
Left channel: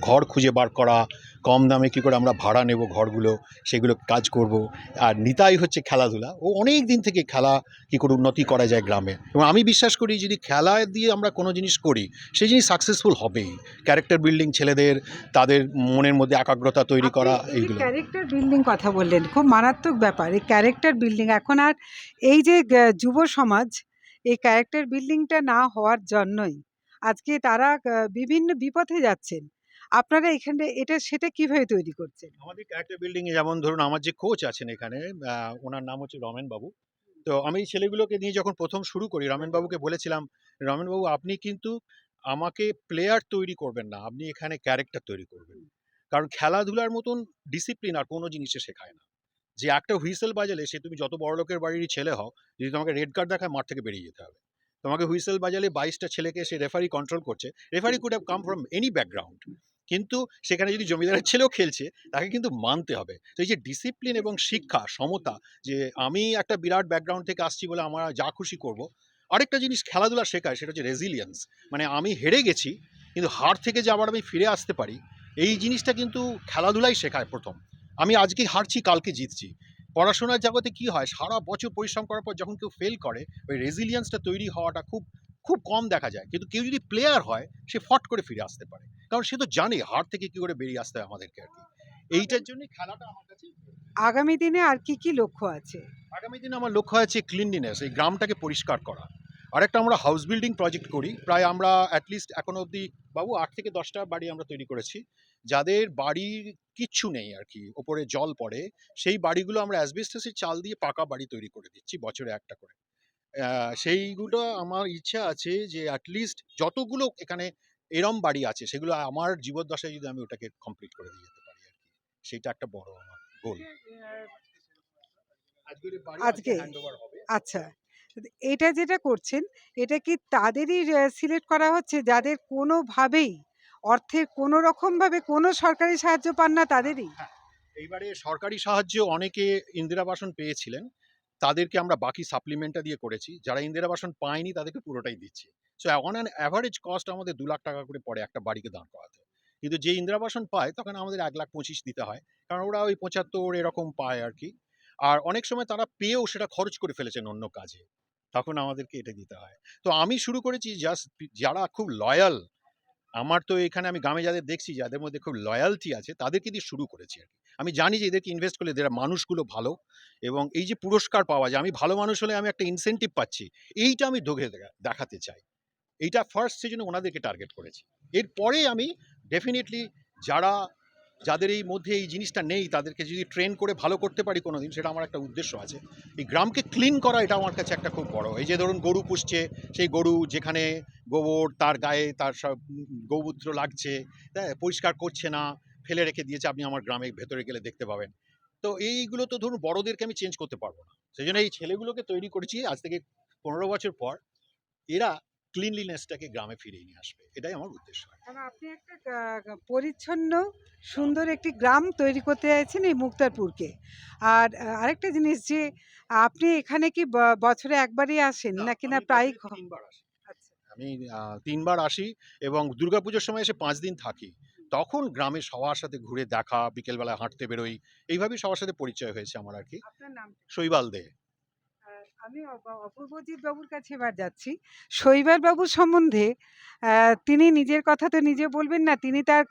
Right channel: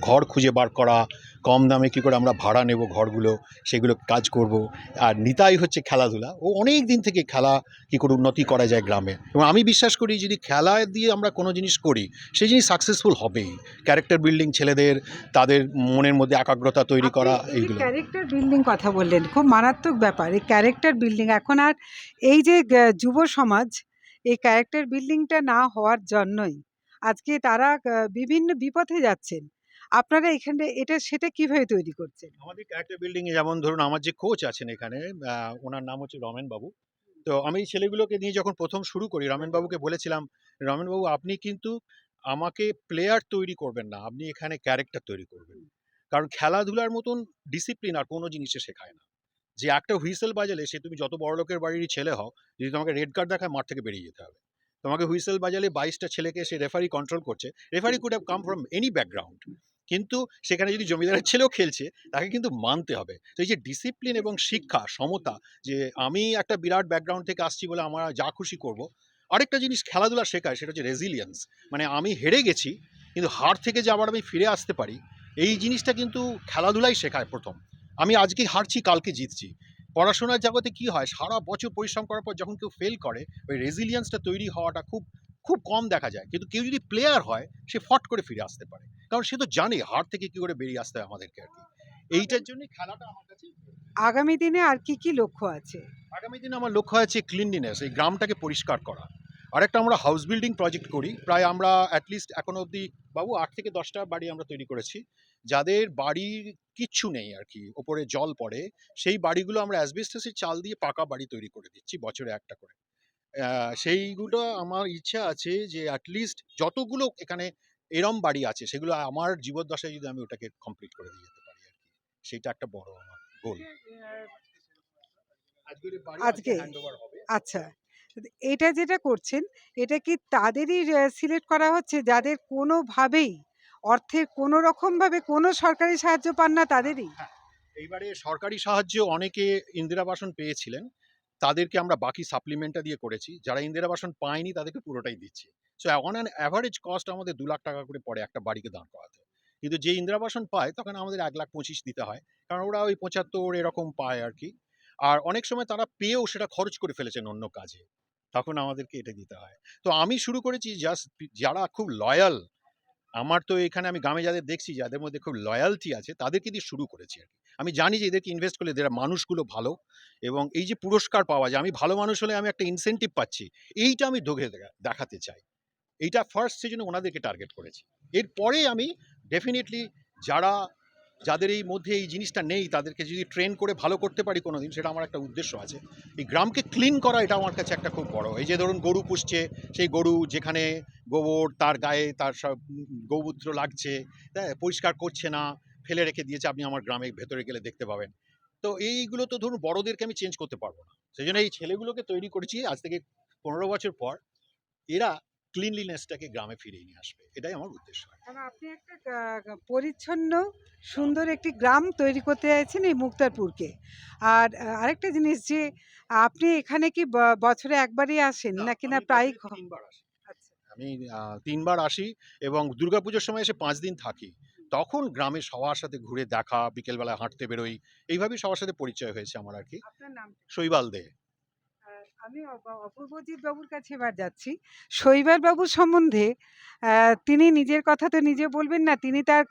ঘর খুঁজে বার করা কম দামে কী করে আমরা ভাড়া নেব ঘরগুলো সেগুলো কাজ করব। আর নিতাই হচ্ছে খেলাধুলা। ও অনেক দিন থেকে খেলা কী করে উন্নতি করা যায় গ্রামে। এবং আমি বিশ্বাস করি যদি খেলা দিয়ে আমরা কোনো জিনিস করি সেই জিনিস সাকসেসফুল হবেই। ক্যারেক্টার বিল্ডিং ছেলেদের তাদের মনের মধ্যে একাগ্রতা তৈরি করা এইগুলো। ক্যারেক্টার বিল্ডিং কথা বললেন খুব মারাত্মক ব্যাপার। এই ক্যারেক্টার বিল্ডিং এখন আর এই যে যুব সমাজ এই ক্যারেক্টার বিল্ডিংটা না হওয়ার জন্যই আজকে তারা বিভিন্ন বিপথে যাচ্ছেন। আপনারা এখানে এটা সেটা কীভাবে তৈরি করছেন? আমাদের ক্যারেক্টার বিল্ডিংয়ে যেমন ধরুন আমার যে কোচ আছেন এখানে ওনার নাম হচ্ছে রমেন বাবু তো আমি এই ছেলেগুলোকে নিয়ে যখন প্রথম শুরু করি রমেন বাবুকে বলেছিলাম রমেন বাবু আপনি কিন্তু আমাকে প্লেয়ার তৈরি করবেন না আপনি এখানে ক্যারেক্টার তৈরি করবেন। কারণ খেলাধুলার মতন ডিসিপ্লিন আর কোনো জিনিসে শেখায় না। যে একটা হুইসেল বাজালে সে তুমি যত বড় লোকের বাড়িরই ছেলে হও যদি তোমাকে রেড কার্ড দেখায় মাঠ থেকে বেরিয়ে যেতে হবে। তোমাকে হুইসেল বাজালে বাইশটা ছেলেকে সে রেফারি কন্ট্রোল করছে। Referee could have come from any background কিন্তু সেখানে যদি জমিদারের ছেলেও খেলছে, তাকে কিন্তু মানতে হবে। তো এই যে ডিসিপ্লিন এবং শিক্ষা, সমতা, যে আমি একটা বিরাট ব্যাকগ্রাউন্ড থেকে আসছি বলে আমরা যা খুশি করব, আরেকটা জিনিস খেলাধুলা শেখায়, সেটা হচ্ছে রেজিলিয়েন্স মানে আমি হেরে গেছি, কিন্তু হার থেকে যে আবার আমি ফিরে আসতে পারি, এই জিনিসটা কিন্তু খেলাধুলাই শেখায় প্রথম। আমি আজকে হারছি, কালকে জিতছি। পড়াশোনার জগতে কি হয়, সারা বছর পরিশ্রম করার পর যখন কেউ ফেল করে, ওই রেজিলিয়েন্সটা তৈরি হওয়াটা খুব খুব কম দেখা যায়। কিন্তু কেউ যদি প্লেয়ার হয় সে ফট করে ফিরে আসতে পারে। কারণ সে তো জানে হার থেকে কি করে বেরিয়ে আসতে হয় আমাদেরকে আর কি। এইটার জন্য খেলাটা আমার কাছে আগামী দিনে আর কি কি লক্ষ্য আছে? আগামী দিনে আমার লক্ষ্য আছে ক্লিনলিনেস এই গ্রামটাকে পরিষ্কার করা। আরেকটা আমরা হাউস বিল্ডিং প্রজেক্ট করি। প্রায় আমরা অ্যাটলিস্ট এখনও অবধি বাবু আট থেকে দশটা বাড়ি আমরা তৈরি করেছি। যাদের বাড়ির কিচ্ছু নেই আর কি ওপরে জল পড়ে সেই বাড়িগুলো আমরা অ্যাসবেস্টাসের চাল দিয়ে পাকা বাড়ি তৈরি করে দিচ্ছি বছরে একটা করে। সেইগুলো আমার ইচ্ছা আছে যে অ্যাটলিস্ট যতগুলো এখানে এরম বাড়ি আছে সেগুলো আমার জীবদ্দশায় যদি আমি ওটাকে কমপ্লিট করে দিয়ে যেতে পারি আর কি। সেটা একটা বড় আমার গোল আজকে? আচ্ছা। এটা যেটা করছেন এটা কি তাদেরই সিলেক্ট করা হচ্ছে? যাদের কোনোভাবেই অর্থের কোনো রকমভাবে কোনো সরকারি সাহায্য পান না তাদেরই? এইবারে সরকারি সাহায্য অনেকে ইন্দিরা বাসন পেয়েছিলেন। তাদেরকে আমরা বাকি সাপ্লিমেন্টটা দিয়ে করেছি। যারা ইন্দিরা বাসন পায়নি তাদেরকে পুরোটাই দিচ্ছি। So on an average cost আমাদের দু লাখ টাকা করে পড়ে একটা বাড়িকে দাঁড় করাতে। কিন্তু যে ইন্দিরা বাসন পায়, তখন আমাদের এক লাখ পঁচিশ দিতে হয়। কারণ ওরা ওই পঁচাত্তর এরকম পায় আর কি। আর অনেক সময় তারা পেয়েও সেটা খরচ করে ফেলেছেন অন্য কাজে। তখন আমাদেরকে এটা দিতে হয়। তো আমি শুরু করেছি জাস্ট যারা খুব লয়াল আমার তো এখানে আমি গ্রামে যাদের দেখছি, যাদের মধ্যে খুব লয়ালটি আছে তাদেরকে দিয়ে শুরু করেছি আর আমি জানি যে এদেরকে ইনভেস্ট করলে এদের মানুষগুলো ভালো এবং এই যে পুরস্কার পাওয়া যায়, আমি ভালো মানুষ হলে আমি একটা ইনসেন্টিভ পাচ্ছি, এইটা আমি ধোকে দেখাতে চাই। এইটা ফার্স্ট সেজন্য ওনাদেরকে টার্গেট করেছি। এরপরে আমি ডেফিনেটলি যারা যাদের এই মধ্যে এই জিনিসটা নেই, তাদেরকে যদি ট্রেন করে ভালো করতে পারি কোনো দিন সেটা আমার একটা উদ্দেশ্য আছে। এই গ্রামকে ক্লিন করা, এটা আমার কাছে একটা খুব বড়। এই যে ধরুন গরু পুষছে, সেই গরু যেখানে গোবর, তার গায়ে, তার সব গৌমূত্র লাগছে হ্যাঁ পরিষ্কার করছে না, ফেলে রেখে দিয়েছে, আপনি আমার গ্রামে ভেতরে গেলে দেখতে পাবেন। তো এইগুলো তো ধরুন বড়দেরকে আমি চেঞ্জ করতে পারব না। সেই জন্য এই ছেলেগুলোকে তৈরি করেছি, আজ থেকে পনেরো বছর পর। এরা ক্লিনলিনেসটাকে গ্রামে ফিরিয়ে নিয়ে আসবে। এটাই আমার উদ্দেশ্য। আপনি একটা পরিচ্ছন্ন সুন্দর একটি গ্রাম তৈরি করতে চাইছেন এই মুক্তারপুরকে। আর আরেকটা জিনিস যে আপনি এখানে কি বছরে একবারই আসেন? নাকি না প্রায় তিনবার আসি? আচ্ছা। আমি তিনবার আসি এবং দুর্গাপুজোর সময় এসে পাঁচ দিন থাকি। তখন গ্রামে সবার সাথে ঘুরে দেখা বিকেলবেলায় হাঁটতে বেরোই। এইভাবেই সবার সাথে পরিচয় হয়েছে আমার আর কি। আপনার নাম শৈবাল দে। আমি অপ- অপূর্বজিৎ বাবুর কাছে এবার যাচ্ছি। শৈবাল বাবু সম্বন্ধে তিনি নিজের কথা তো নিজে বলবেন না, তিনি তার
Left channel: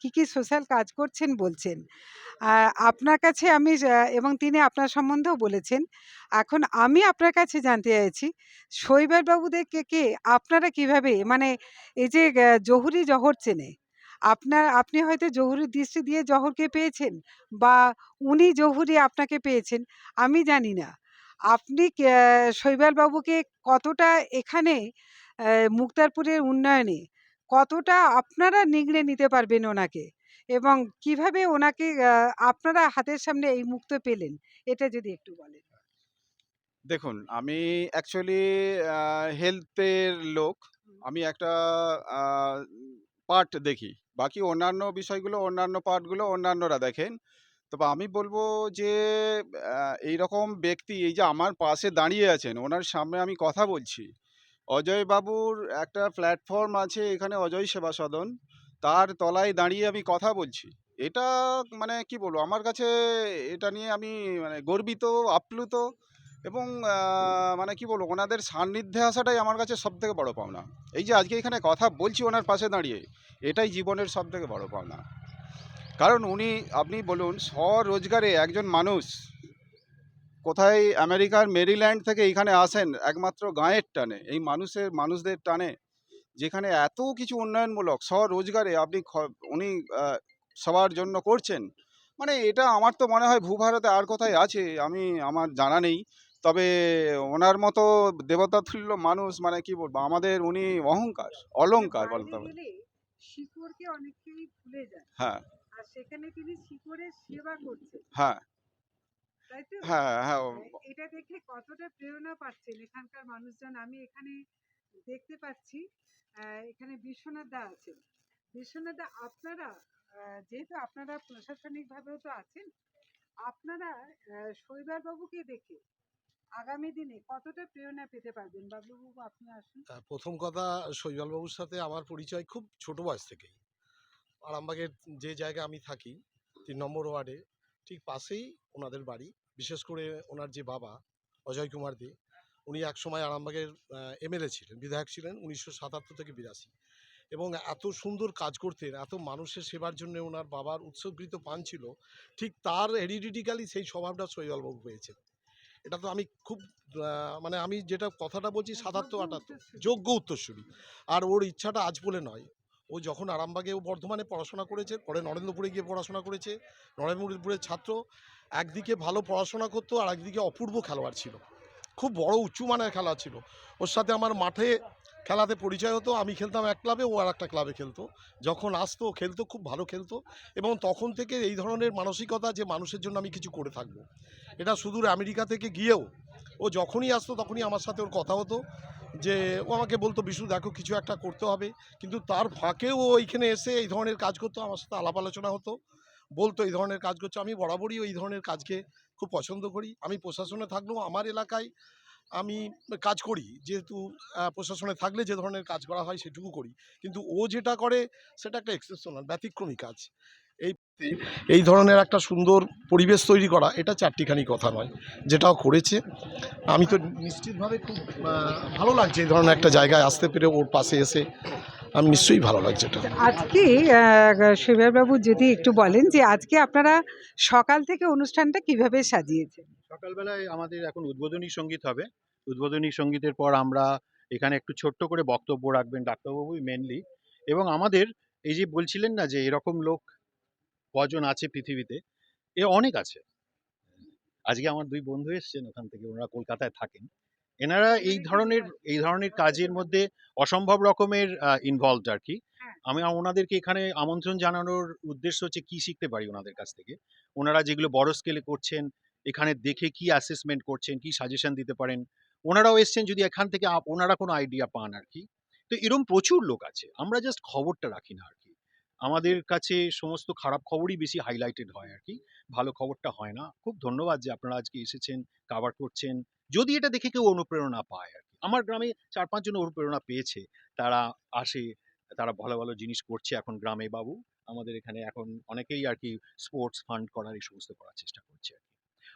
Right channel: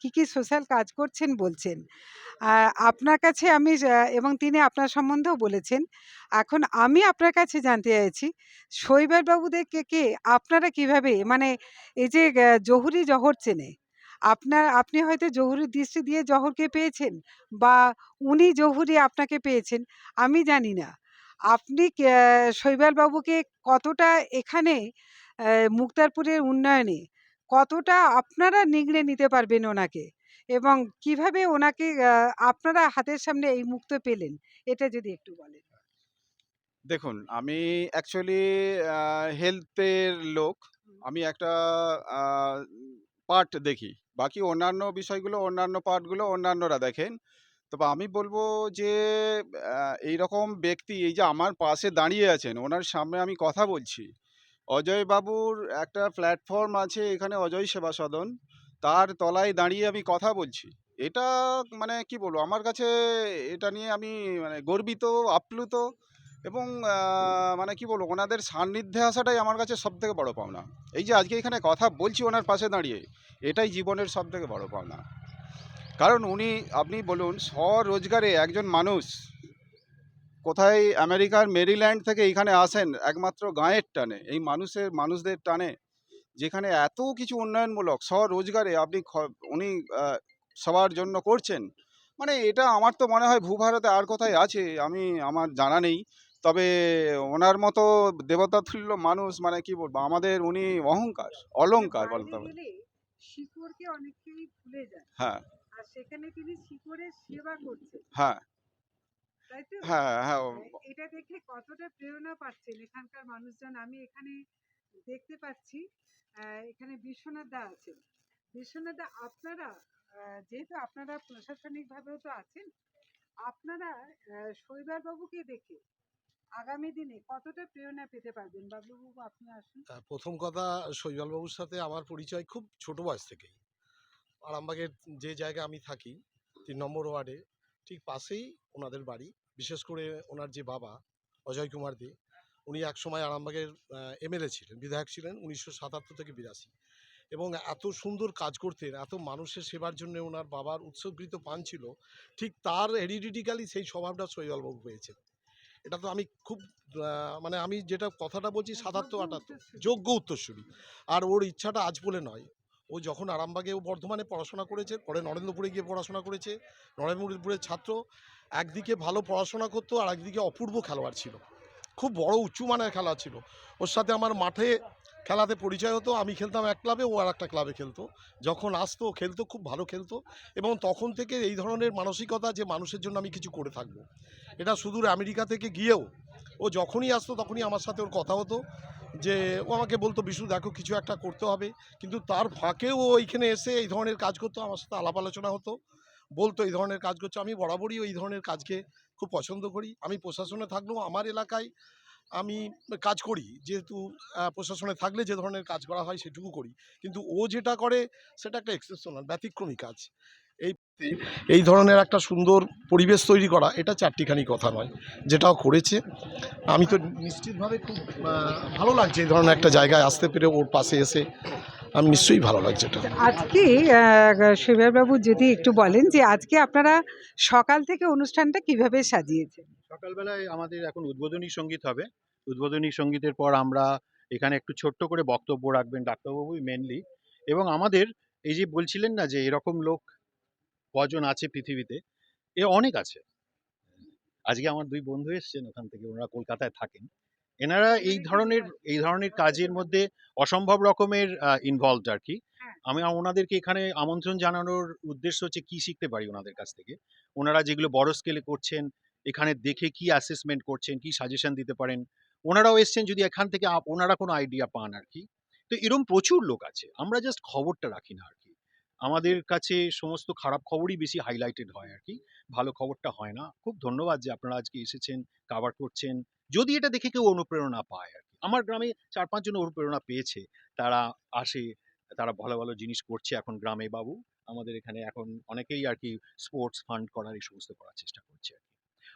কি কি সোশ্যাল কাজ করছেন বলছেন। আপনার কাছে আমি এবং তিনি আপনার সম্বন্ধেও বলেছেন। এখন আমি আপনার কাছে জানতে চাইছি শৈবাল বাবুদেরকে কে আপনারা কীভাবে মানে এই যে জহুরি জহর চেনে, আপনার, আপনি হয়তো জহুরির দৃষ্টি দিয়ে জহরকে পেয়েছেন, বা উনি জহুরি আপনাকে পেয়েছেন, আমি জানি না। আপনি কে- শৈবাল বাবুকে কতটা এখানে মুক্তারপুরের উন্নয়নে কতটা আপনারা নিগড়ে নিতে পারবেন ওনাকে? এবং কীভাবে ওনাকে আপনারা হাতের সামনে এই মুক্ত পেলেন? এটা যদি একটু বলেন। দেখুন আমি অ্যাকচুয়ালি হেলথের লোক। আমি একটা পার্ট দেখি। বাকি অন্যান্য বিষয়গুলো অন্যান্য পার্টগুলো অন্যান্যরা দেখেন। তবে আমি বলব যে এই রকম ব্যক্তি এই যে আমার পাশে দাঁড়িয়ে আছেন, ওনার সামনে আমি কথা বলছি। অজয় বাবুর একটা প্ল্যাটফর্ম আছে এখানে অজয় সেবা সদন। তার তলায় দাঁড়িয়ে আমি কথা বলছি। এটা মানে কি বলব, আমার কাছে এটা নিয়ে আমি মানে গর্বিত, আপ্লুত এবং মানে কি বলব, ওনাদের সান্নিধ্যে আসাটাই আমার কাছে সব থেকে বড় পাওনা। এই যে আজকে এখানে কথা বলছি ওনার পাশে দাঁড়িয়ে, এটাই জীবনের সব থেকে বড় পাওনা। কারণ উনি আপনি বলুন স্বরোজগারে একজন মানুষ। কোথায় আমেরিকার মেরিল্যান্ড থেকে এখানে আসেন একমাত্র গাঁয়ের টানে এই মানুষের মানুষদের টানে যেখানে এত কিছু উন্নয়নমূলক স্বরোজগারে আপনি উনি সবার জন্য করছেন মানে এটা আমার তো মনে হয় ভূভারতে আর কোথায় আছে আমি আমার জানা নেই। তবে ওনার মতো দেবতা তুল্য মানুষ মানে কি বলব আমাদের উনি অহংকার অলংকার বলতে হবে। হ্যাঁ। সেখানে তিনি শিকড়ের সেবা করছেন? হ্যাঁ। তাই তো? হ্যাঁ হ্যাঁ এটা দেখে কতটা প্রেরণা পাচ্ছেন এখানকার মানুষজন? আমি এখানে দেখতে পাচ্ছি আহ, এখানে বিশ্বনাথ দা আছেন। বিশ্বনাথ দা আপনারা আহ, যেহেতু আপনারা প্রশাসনিক ভাবেও তো আছেন আপনারা শৈবাল বাবুকে দেখে আগামী দিনে কতটা প্রেরণা পেতে পারবেন? বাবুবাবু আপনি আসুন। প্রথম কথা শৈবালবাবুর সাথে আমার পরিচয় খুব ছোট বয়স থেকেই। আরামবাগের যে জায়গায় আমি থাকি, তিন নম্বর ওয়ার্ডে, ঠিক পাশেই ওনাদের বাড়ি। বিশেষ করে ওনার যে বাবা, অজয় কুমার দে, উনি একসময় আরামবাগের এমএলএ ছিলেন, বিধায়ক ছিলেন উনিশশো সাতাত্তর থেকে বিরাশি। এবং এত সুন্দর কাজ করতেন, এত মানুষের সেবার জন্য ওনার বাবার উৎসর্গিত পান ছিল, ঠিক তার হেরিডিটিক্যালি সেই স্বভাবটা শৈবালবাবু পেয়েছেন এটা তো আমি খুব মানে আমি যেটা কথাটা বলছি সাতাত্তর আটাত্তর, যোগ্য উত্তরসূরি। আর ওর ইচ্ছাটা আজ বলে নয় ও যখন আরামবাগে ও বর্ধমানে পড়াশোনা করেছে, পরে নরেন্দ্রপুরে গিয়ে পড়াশোনা করেছে, নরেন্দ্রপুরের ছাত্র, একদিকে ভালো পড়াশোনা করতো, আর একদিকে অপূর্ব খেলোয়াড় ছিল। খুব বড় উঁচু মানের খেলোয়াড় ছিল। ওর সাথে আমার মাঠে খেলাতে পরিচয় হতো, আমি খেলতাম এক ক্লাবে, ও আর একটা ক্লাবে খেলতো। যখন আসতো খেলতো, খুব ভালো খেলতো। এবং তখন থেকে এই ধরনের মানসিকতা যে মানুষের জন্য আমি কিছু করে থাকব। এটা সুদূর আমেরিকা থেকে গিয়েও, ও যখনই আসতো তখনই আমার সাথে ওর কথা হতো। যে ও আমাকে বলতো বিশু দেখো কিছু একটা করতে হবে। কিন্তু তার ফাঁকেও ও এইখানে এসে এই ধরনের কাজ করতো, আমার সাথে আলাপ আলোচনা হতো, বলতো এই ধরনের কাজ করছ। আমি বরাবরই এই ধরনের কাজকে খুব পছন্দ করি। আমি প্রশাসনে থাকলেও আমার এলাকায় আমি কাজ করি। যেহেতু প্রশাসনে থাকলে যে ধরনের কাজ করা হয় সেটুকু করি। কিন্তু ও যেটা করে, সেটা একটা এক্সেপশনাল ব্যতিক্রমী কাজ। এই এই ধরনের একটা সুন্দর পরিবেশ তৈরি করা এটা চারটিখানি কথা নয় যেটাও করেছে। আমি তো নিশ্চিতভাবে খুব ভালো লাগছে এই ধরনের একটা জায়গায় আসতে পেরে ওর পাশে এসে আমি নিশ্চয়ই ভালো লাগছে এটা। আজকে শৈবাল বাবু যদি একটু বলেন যে আজকে আপনারা সকাল থেকে অনুষ্ঠানটা কীভাবে সাজিয়েছেন? সকালবেলায় আমাদের এখন উদ্বোধনী সংগীত হবে। উদ্বোধনী সঙ্গীতের পর আমরা এখানে একটু ছোট্ট করে বক্তব্য রাখবেন ডাক্তারবাবুই মেনলি এবং আমাদের এই যে বলছিলেন না যে এরকম লোক কজন আছে পৃথিবীতে? এ অনেক আছে। আজকে আমার দুই বন্ধু এসেছেন ওখান থেকে ওনারা কলকাতায় থাকেন। এনারা এই ধরনের এই ধরনের কাজের মধ্যে অসম্ভব রকমের ইনভলভড আর কি। হ্যাঁ। আমি ওনাদেরকে এখানে আমন্ত্রণ জানানোর উদ্দেশ্য হচ্ছে কি শিখতে পারি ওনাদের কাছ থেকে? ওনারা যেগুলো বড় স্কেলে করছেন এখানে দেখে কি অ্যাসেসমেন্ট করছেন কি সাজেশন দিতে পারেন? ওনারাও এসছেন যদি এখান থেকে ওনারা কোনো আইডিয়া পান আর কি। তো এরকম প্রচুর লোক আছে। আমরা জাস্ট খবরটা রাখি না আর কি। আমাদের কাছে সমস্ত খারাপ খবরই বেশি হাইলাইটেড হয় আর কি ভালো খবরটা হয় না। খুব ধন্যবাদ যে আপনারা আজকে এসেছেন কাভার করছেন। যদি এটা দেখে কেউ অনুপ্রেরণা পায় আর কি আমার গ্রামে চার পাঁচজন অনুপ্রেরণা পেয়েছে। তারা আসে, তারা ভালো ভালো জিনিস করছে এখন গ্রামে বাবু। আমাদের এখানে এখন অনেকেই আর কি স্পোর্টস ফান্ড করার এই সমস্ত করার চেষ্টা করছে আর কি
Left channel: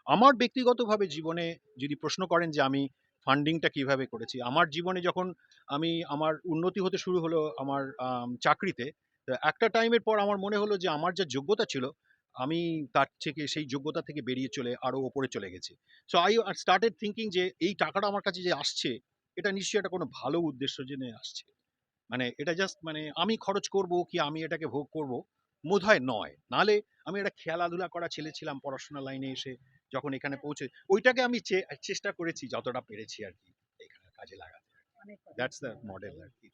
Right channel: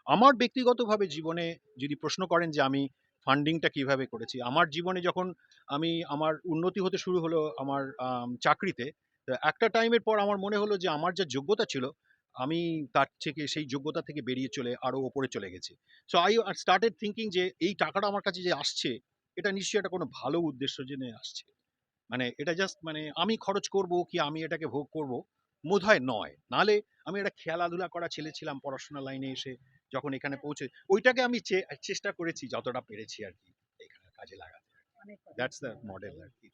আমার ব্যক্তিগতভাবে জীবনে যদি প্রশ্ন করেন যে আমি ফান্ডিংটা কীভাবে করেছি, আমার জীবনে যখন আমি, আমার উন্নতি হতে শুরু হলো আমার চাকরিতে তো একটা টাইমের পর আমার মনে হলো যে আমার যা যোগ্যতা ছিল আমি তার থেকে সেই যোগ্যতা থেকে বেরিয়ে চলে আরও ওপরে চলে গেছি। সো আই স্টার্টেড থিঙ্কিং যে এই টাকাটা আমার কাছে যে আসছে এটা নিশ্চয়ই একটা কোনো ভালো উদ্দেশ্য জেনে আসছে। মানে এটা জাস্ট মানে আমি খরচ করব কি আমি এটাকে ভোগ করব? বোধহয় নয়। নালে আমি একটা খেলাধুলা করা ছেলে ছিলাম পড়াশোনা লাইনে এসে যখন এখানে পৌঁছে ওইটাকে আমি চেষ্টা করেছি যতটা পেরেছি আর কি এখানে কাজে লাগাতে। দ্যাটস দ্য মডেল আর কি।